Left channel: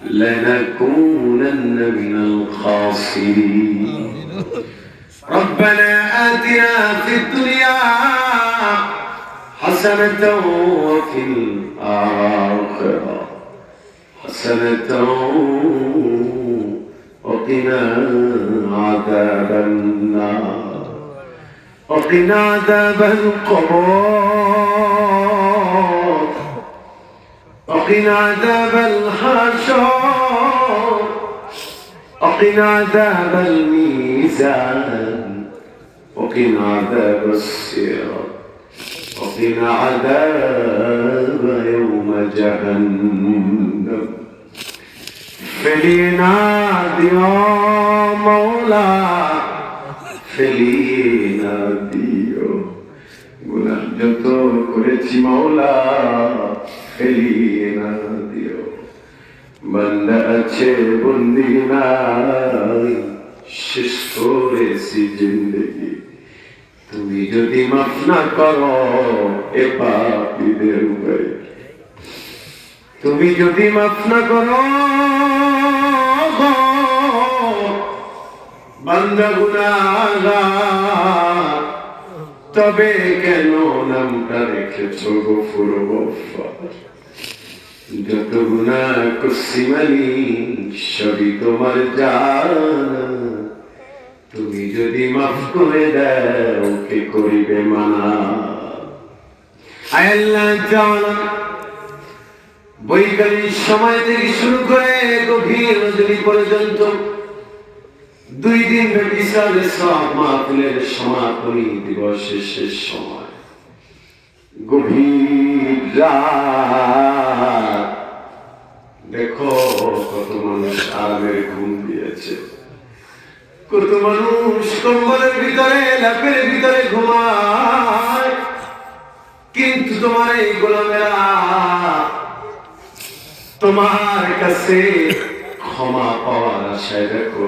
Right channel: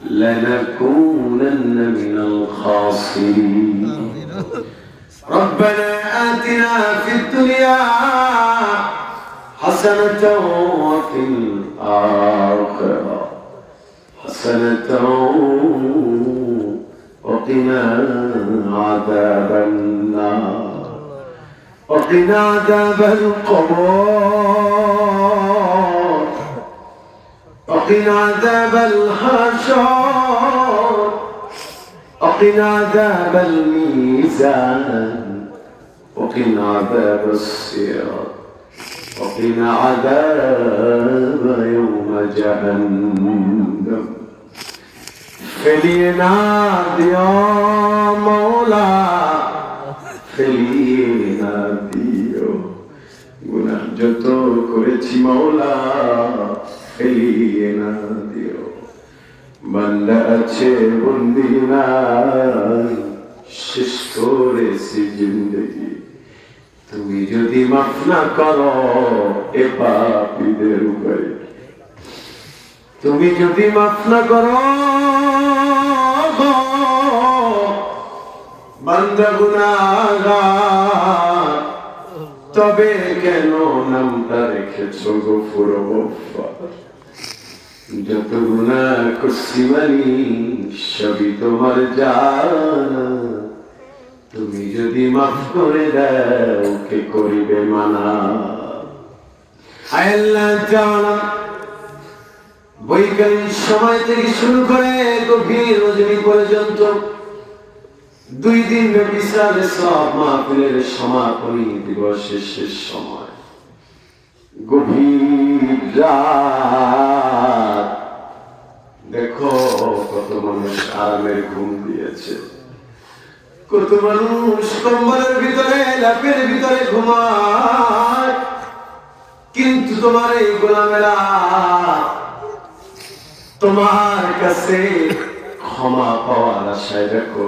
لنكونن من الخاسرين ربنا آتنا في الدنيا حسنة وفي الآخرة حسنة وقنا عذاب النار وقنا عذاب القبر وقنا عذاب الحشر وقنا عذاب الميزان وقنا عذاب الصراط وقنا عذاب يوم جهنم فلينا يا مولا فلينا দিও গুনাহ যত করেছি মওলা ফেলিনা দিও বান্দা আছে বন্দি নাই শেষ করেছি জিন্দেগি তুমি যদি মাফ না করো এ পাপীদের উপরে তুমি যদি মাফ না করো বান্দা গুনাহগার তবে কেন নামটা রেখেছো গফুর গফফার যত গুনাহ করছি মানি সবই তোমার জানা তুমি যদি মাফ করে দাও কে করিবে মানা আয় আল্লাহ তাআলা বৈকালিক সময় থেকে শুরু করে গভীর রজনী পর্যন্ত 2 দিন ব্যাপী ইসলামের সব মাহফিলের সমাপনী দিবসের শেষ সময় গভীর রাত দেখো কত মানুষ আরামের ঘুম দিয়েছে কত মানুষ কম্বলের ভিতরে ল্যাপের ভিতরে ঘুমায় কিন্তু তোমার এই গোলামেরা তোমার কাছে ক্ষমা পাওয়ার আশায় দেখো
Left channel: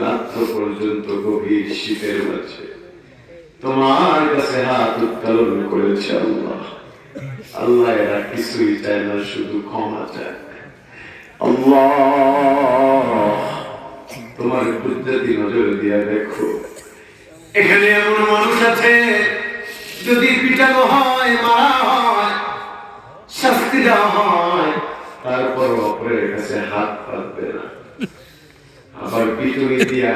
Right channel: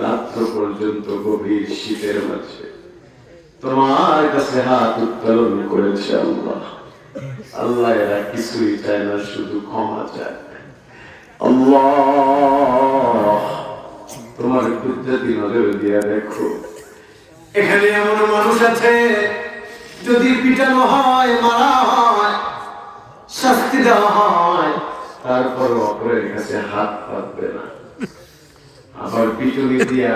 রাত্র পর্যন্ত গভীর শীতের মাঝে তোমার কাছে হাত উত্তোলন করেছে আল্লাহ আল্লাহ এরা কিছুই চায় না শুধু ক্ষমা চায় আল্লাহ তোমার কুদরতি নজর দিয়া দেখো এখানে এমন মানুষ আছে যদি পিটানো হয় মারা হয় শাস্তি দেওয়া হয় তারপর অপরের কাছে হাত পাতবে না আবার পিটুনি দিয়া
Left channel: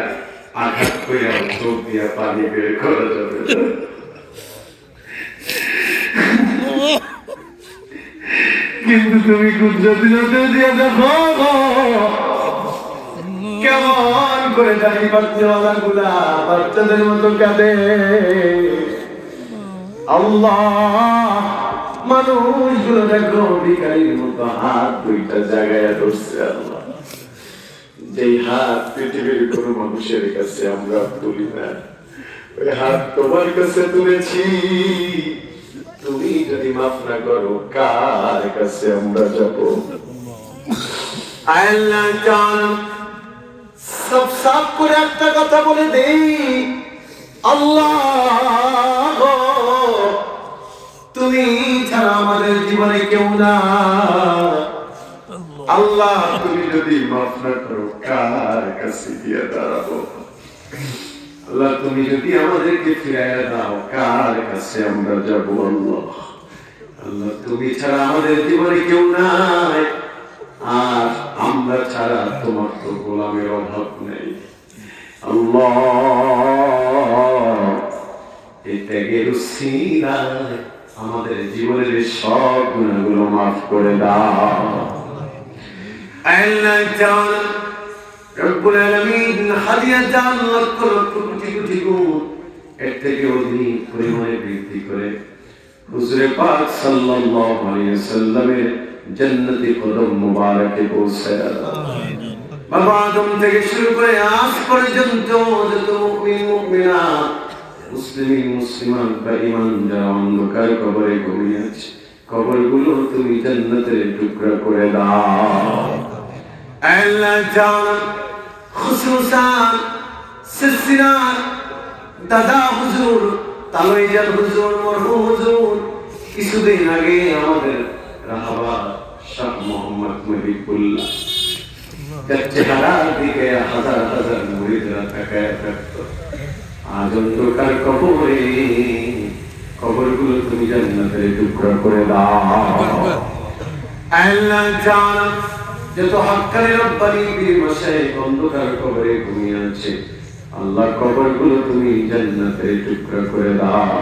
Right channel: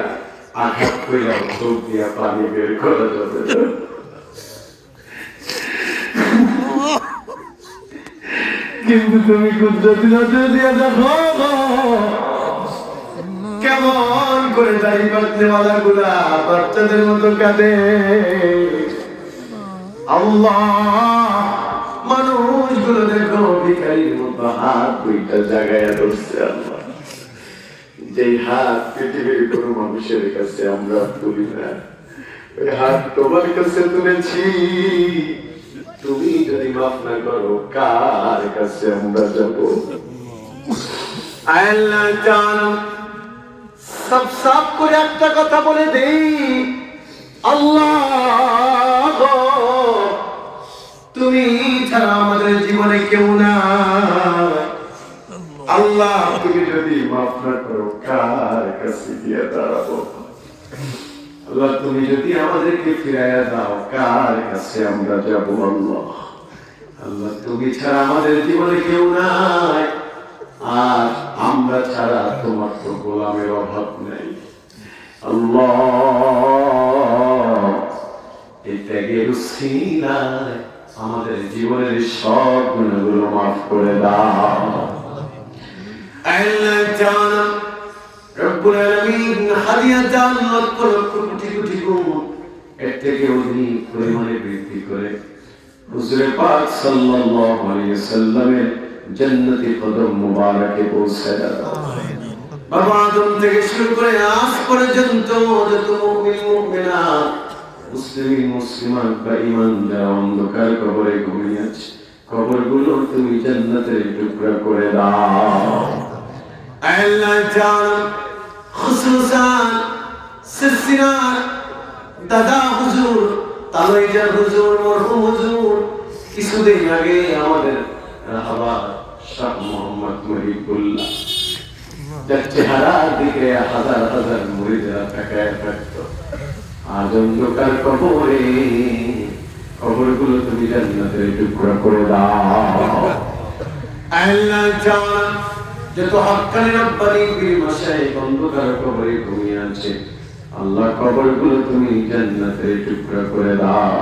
আঘাত করে চোখ দিয়া পানি বের করা যাবে না কিন্তু তুমি কুদরতি নজর দিয়া দেখো কেমন করে দাড়ি বাচ্চাওয়ালা গুলা বাচ্চাদের মতো কাঁদে আল্লাহ মানুষগুলো দেখো ভিখারির মতো হাত দুইটা জায়গায় ধরছে আল্লাহ যেই হাত পৃথিবীর কোন মানুষের কাছে আমরা তুলি না ওই হাত তোমার কাছে তুলেছি তুমি যদি মাফ না করো কার কাছে আমরা যাবো আল্লাহ তাআলা সব সাফ করে একটা কথা বলে দেই আল্লাহ তুমি ছাড়া আমাদের জীবনে কেউ না আল্লাহ তুমি যদি মাফ না করো কার কাছে গিয়ে দাঁড়াবো আল্লাহ তুমি যদি আমাদেরকে ফিরাইয়া দাও কার কাছে আমরা যাবো আল্লাহ আল্লাহ তুমি ছাড়া আমাদের জীবনে কেউ নাই আর আমরা ছাড়া তোমার তো গোলামের অভাব নেই আল্লাহ এই ত্যাগের উসিলায় আমাদের জীবনের সব গুনাহগুলো মাফ করে দাও আল্লাহ তাআলা রব্বুল আলামিন হাদিয়াতান লক্ষ লক্ষ কোটি কোটি গুণ এর থেকে অধিক পরিমাণে বৃদ্ধি করে হুজুরে পাক সাল্লাল্লাহু আলাইহি ওয়াসাল্লামের জান্নাতি কদম মুবারকে পৌঁছে দাও বাবা আদম থেকে শুরু করে আজ পর্যন্ত যত মুমিন মুমিনাত মুসলিম মুসলিমাত বা ঈমানদার অন্ধকার কবরে ঘুমিয়ে আছে কবরগুলো তুমি জান্নাতের টুকরা করে দাও আল্লাহ তাআলা খুসুসান সিলসিলা দাদা হুজুর তালুইজার হুজুর মরহুম হুজুর কিছুদিন আগে আমাদের রাহাবা শাহ মাহমুদুল্লাহ তার চেহারার দিকে হাজার হাজার মুরিদরা তাকায় থাকতো। আজ অন্ধকার কবরে, কবরগুলো তুমি জান্নাতের টুকরা করে দাও। আল্লাহ জান যত হক্কানি রব্বানি পীর মাশায়েখ অন্ধকার কবরে ঘুমিয়ে আছে, আল্লাহ কবরগুলো তুমি জান্নাতের টুকরা করে দাও।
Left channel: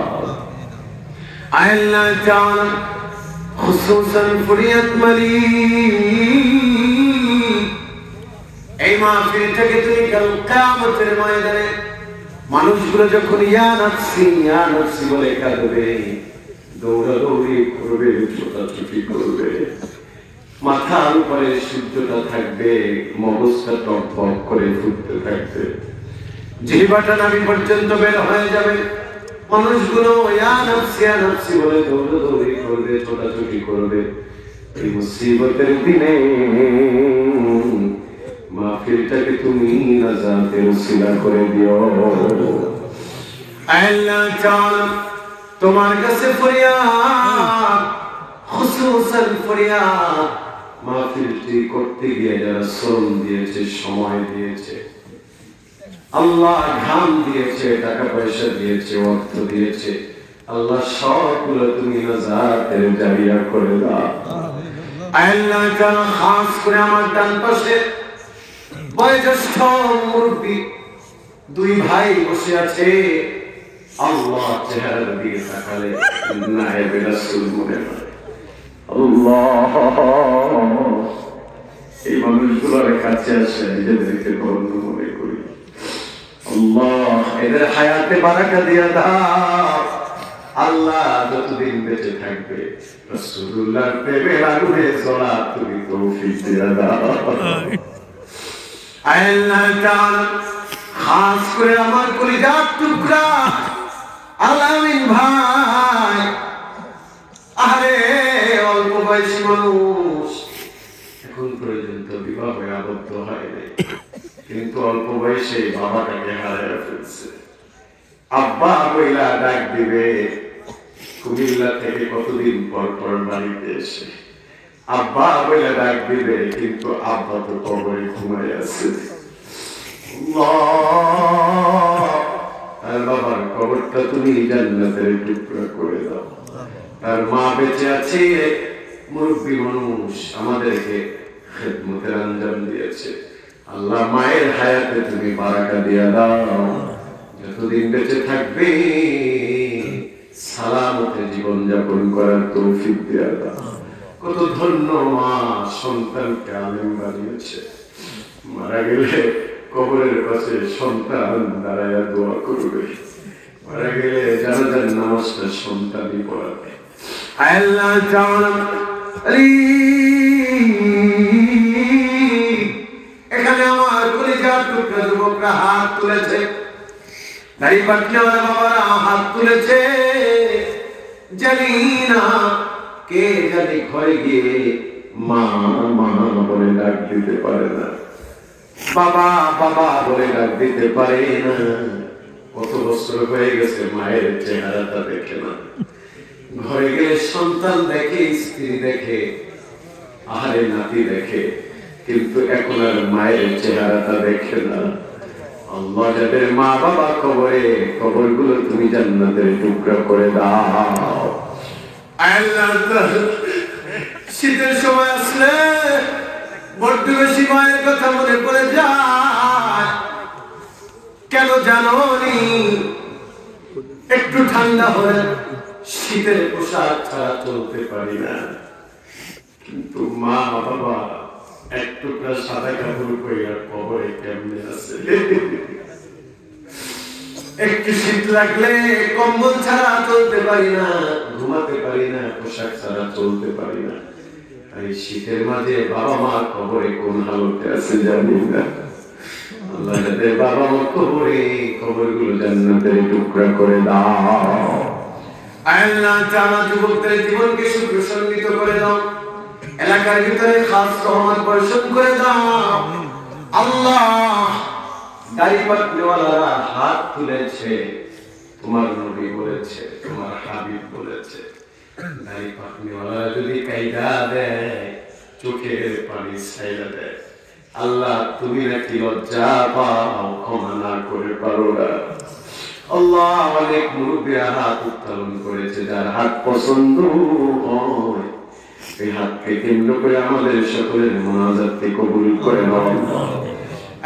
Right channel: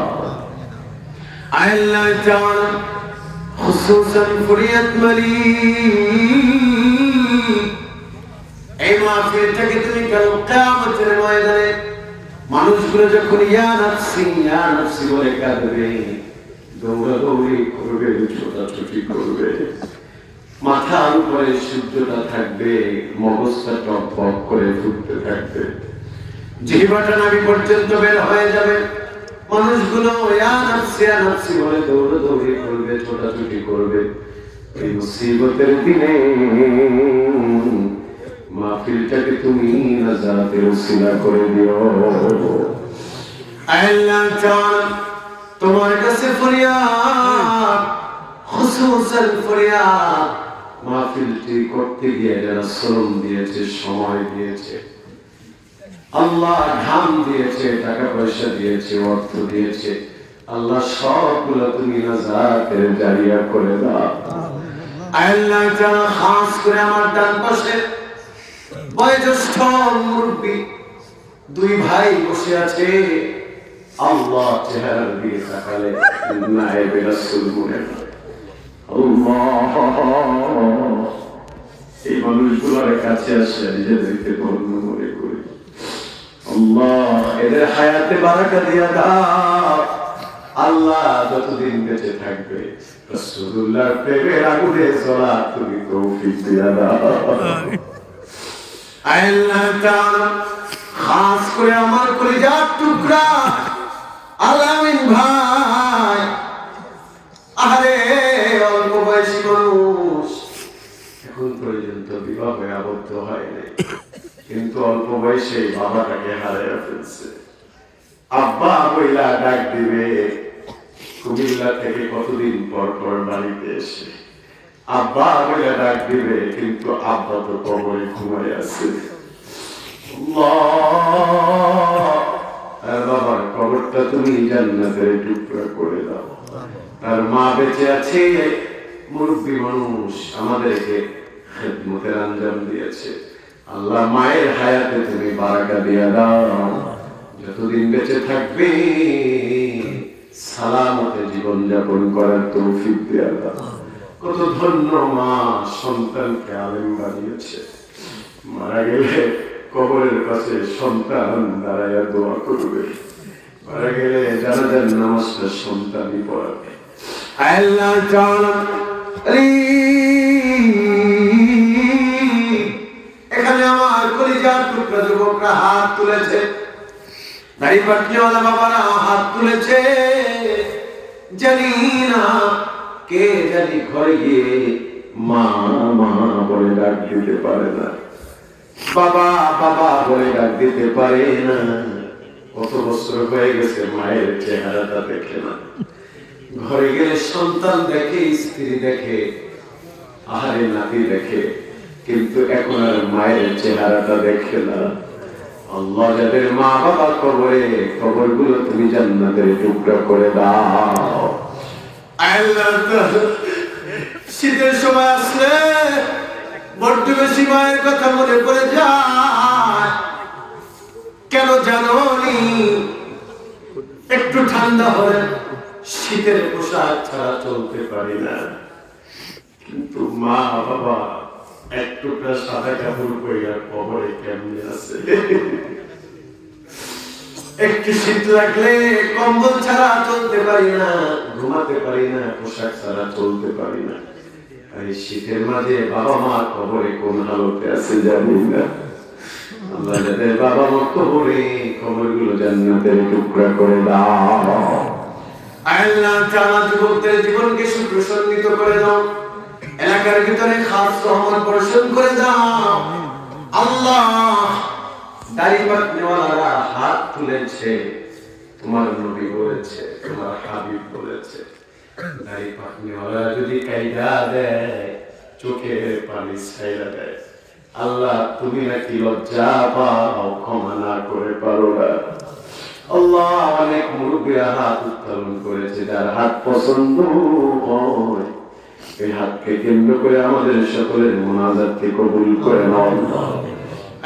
আল্লাহ জান খুসুসান ফরিয়াত মালিক এই মাহফিল থেকে তুমি কাল কিয়ামতের ময়দানে মানুষগুলো যখন ইয়া নাফসি বলে কাঁদবে, দৌড়াদৌড়ি করবে, ছোটাছুটি করবে, মাথার উপরে সূর্যটা থাকবে, মগজটা টকবক করে ফুটতে থাকবে, জিহ্বাটা নাভি পর্যন্ত বের হয়ে যাবে, মানুষগুলো ইয়া নাফসি বলে দৌড়াদৌড়ি করবে, ছোটাছুটি করবে। এই মুসিবতের দিনে মাহফিলটাকে তুমি নাজাতের উসিলা করে দিও। আল্লাহ তাআলা তোমার কাছে ফরিয়াদ, খুসুসান ফরিয়াদ, মাহফিলটি করতে গিয়ে যারা শ্রম দিয়েছে, সময় দিয়েছে, আল্লাহ ঘাম দিয়েছে, টাকা পয়সা দিয়েছে, অর্থ দিয়েছে, আল্লাহ সবগুলো তুমি নাজাতের জারিয়া করে দাও। আল্লাহ তাআলা খাস করে আমার ডান পাশে বয়োজ্যেষ্ঠ মুরব্বী দুই ভাই বসে আছে, আল্লাহ চেহারার দিকে তাকালে নায়েবে রাসূল মনে হয়। আল্লাহ এই মানুষগুলোর কাছে আসলে নিজেদেরকে ধন্য মনে করি। আল্লাহ এদের হায়াতে বারাকা দিয়া দাও। আল্লাহ যতদিন বেঁচে থাকবে রাসূলুল্লাহর প্রেমের আগুনে জ্বলা তুমি তৌফিক দিয়া দাও। আল্লাহ তাআলা খাস করে আমার কলিজার টুকরা আলামিন ভাই, আরে অল্প বয়সী মানুষ, এখন পর্যন্ত বিবাহে আবদ্ধ হয়নি, কিন্তু অল্প বয়সে বাবাটাকে হারিয়ে ফেলছে। আব্বা বইলা ডাক দিবে কুমিল্লা থেকে কতদিন পর পর বাড়িতে এসে, আব্বা বইলা ডাক দিবে, কিন্তু আব্বা তো কবরে ঘুমাই আছে। বাবার কবরটা তুমি জান্নাতের টুকরা করে দাও। তার মা বেঁচে আছে, মুরব্বী মানুষ, আমাদেরকে খেদমতের আঞ্জাম দিয়েছে। আল্লাহ মায়ের হায়াতে তুমি বারাকা দিয়া দাও, যতদিন বেঁচে থাকবে সালামতে জীবন যাপন করার তৌফিক দিয়া দাও। কত ধন্য মা সন্তানকে আলেম বানিয়েছে, মারা গেলে কবরের কাছে সন্তান দাঁড়াইয়া দোয়া করবে, মারা গেলে জানাজার নামাজটা সন্তানই পড়াবে। আল্লাহ তাআলা এখানে আমার কলিজার টুকরা যুবকরা হাত তুলেছে, দাড়ি পাটনাওয়ালা বাবারা হাত তুলেছে, জানি না কে জানি ঘরে গিয়ে মা মা বলে ডাক দিতে পারে না, বাবা বাবা বলে ডাক দিতে পারে না। কত বছর হয়ে গেছে মায়ের চেহারাটা দেখে না, ঘরে গেলে সন্তান দেখে, স্ত্রী দেখে, আহারে নাতি দেখে, কিন্তু এখন আর মায়ের চেহারাটা দেখে না। আল্লাহ যাদের মা বাবা কবরে, কবরগুলো তুমি জান্নাতের টুকরা করে দাও। আল্লাহ শীতের সময় আসলে বড্ড বেশি মায়ের কথা মনে পড়ে যায়, কেন জানো নি? একটু ঠান্ডা হলে শীতের পোশাক ছাড়া চলতে পারি না, কিন্তু মা বাবা এক টুকরা সাদা কাপড় পরে কবরে কেমনে আছে। একটু শীত লাগলে কম্বল ছাড়া চলতে পারি না, ঘুমাতে পারি না, পোশাক ছাড়া চলতে পারি না। এই শীতের মাঝে বাবা মা কবরে কোন হালতে আছে জানি না। আল্লাহ যাদের বাবা মা কবরে, কবরগুলো জান্নাতের টুকরা করে দাও। আল্লাহ তাআলা যুবকদের জীবনকে সুপ্রসন্নিত করে দাও, এলাকার ভিতরে খাস রহমত বর্ষণ করে দাও। আল্লাহ দাড়ি পাটনাওয়ালারা হাত তুলেছে, তোমার নবী বলেছে, তোমার হাবিব বলেছে, দাড়ি পাটনাওয়ালারা যদি কায়দা দেয় চোখে পানি ছাইড়া দেয়। আল্লাহ তুমি নাকি লজ্জা পাও, ক্ষমা না করে পারো না। আল্লাহ অনেক মুরব্বীরা হাত উত্তোলন করেছে, যার হাত পছন্দ হয় এই হাতকে কেন্দ্র করে আমাদের সকলের মুনাজাতকে কবুল করে নাও।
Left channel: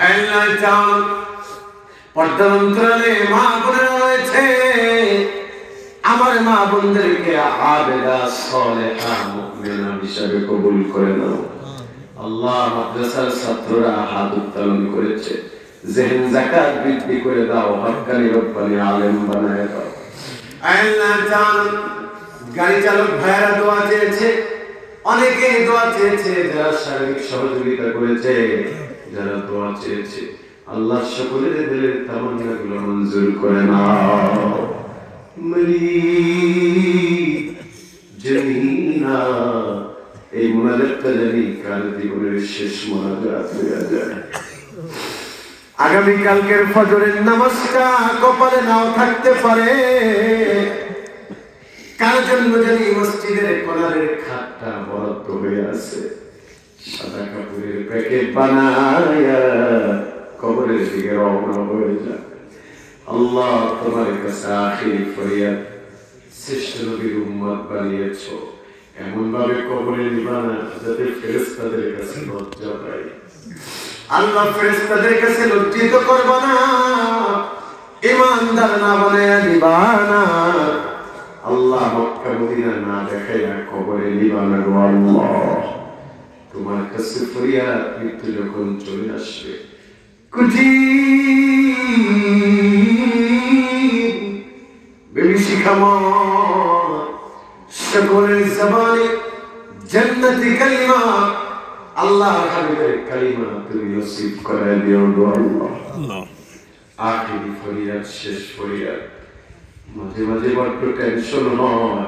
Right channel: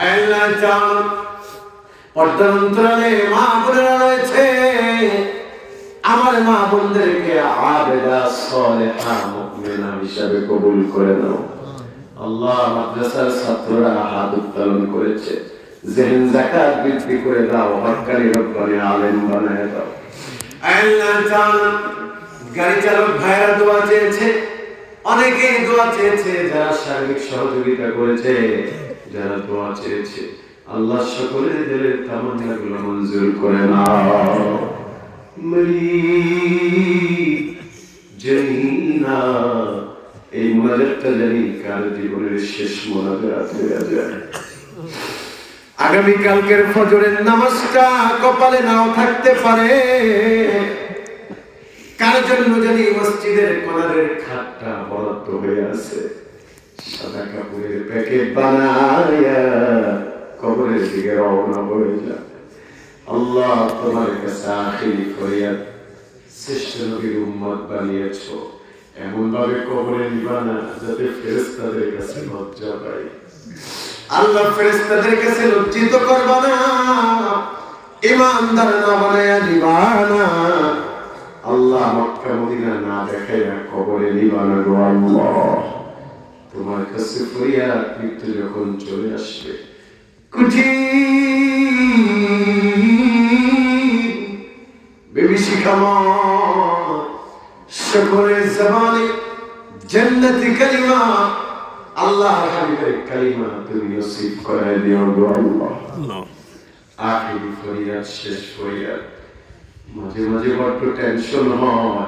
আল্লাহ জান পর্দার অন্তরালে মা বোনেরা রয়েছে, আমার মা বোনদেরকে আবেদা সালেহা মুমিনা হিসেবে কবুল করে নাও। আল্লাহ মাদ্রাসার ছাত্ররা হাত উত্তোলন করেছে, জেহেন যাকাত বৃদ্ধি করে দাও, হক্কানি রব্বানি আলেম বানায় দাও। আল্লাহ জান গাড়ি চালক ভাইরা দোয়া চেয়েছে, অনেকে দোয়া চেয়েছে, যারা শারীরিক সহযোগিতা করেছে, যারা দোয়া চেয়েছে, আল্লাহ সকলের দিলের তামান্নাগুলো মঞ্জুর করে নাও। জমিনা এই মুনাজাতটা জানি কার জীবনের শেষ মুনাজাত হয়ে যায়। আগামীকালকের ফজরের নামাজটা কপালে নাও থাকতে পারে, কার জন্য জানি মসজিদের কোণারের খাটটা বরাদ্দ হয়ে আছে, সাদা কাপড়ের প্যাকেট বানায়া কবরের দিকে রওনা হয়ে যাবে। আল্লাহ তোমার কাছে আখিরি ফরিয়াদ, শ্রেষ্ঠ নবীর উম্মত বানিয়েছো, এমন ভাবে কবরে নিবা না যাতে ফেরেশতাদের কাছে লজ্জা পাই। আল্লাহ ফেরেশতাদের কাছে লজ্জিত করবা না, ইমানদার না বানায়া নিবা না। আল্লাহ মক্কা মদিনা না দেখাইয়া কবরে নিবা না গো আল্লাহ। তোমার কাছে ফরিয়াদ, মৃত্যু যখন চলে আসবে, সকলের জবানে জান্নাতি কালিমা, আল্লাহ হাবিবের কালিমা তুমি নসিব করে দিও গো আল্লাহ। আখিরি ফরিয়াদ, শেষ ফরিয়াদ। মাঝে মাঝে বড্ড টেনশন হয়,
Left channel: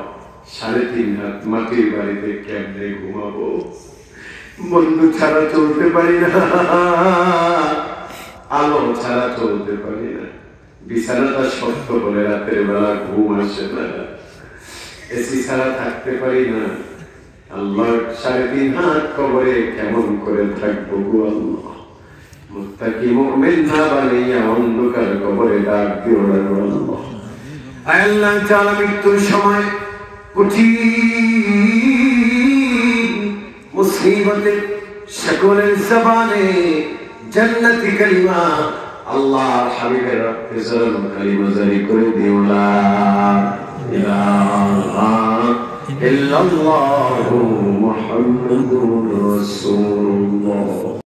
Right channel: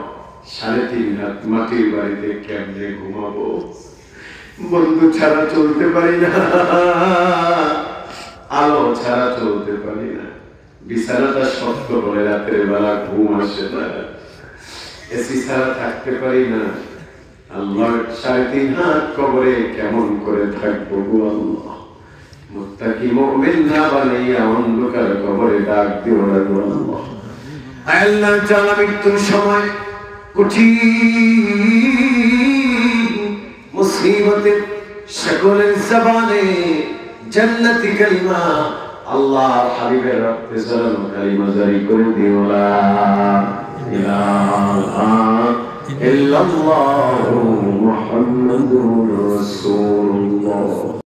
3.5 রাত মাটির বাড়িতে কেমনে ঘুমাবো, বন্ধু ছাড়া চলতে পারি না, আলো ছাড়া চলতে পারি না, বিছানাটা শক্ত করে রাতের বেলা ঘুম আসে না, এসি ছাড়া থাকতে পারি না। আল্লাহ 3.5 হাত কবরে কেমন করে থাকবো গো আল্লাহ। মুত্তাকি মুমিন না বানাইয়া অন্ধকার কবরে ডাক দিও না গো আল্লাহ। আল্লাহ তাআলা মৃত্যুর সময় কঠিন মুসিবতে সকলের জবানে জান্নাতি কালিমা, আল্লাহ হাবিবের রক্তে ঝরানো কালিমা জারি করে দিও লা ইলাহা ইল্লাল্লাহু মুহাম্মাদুর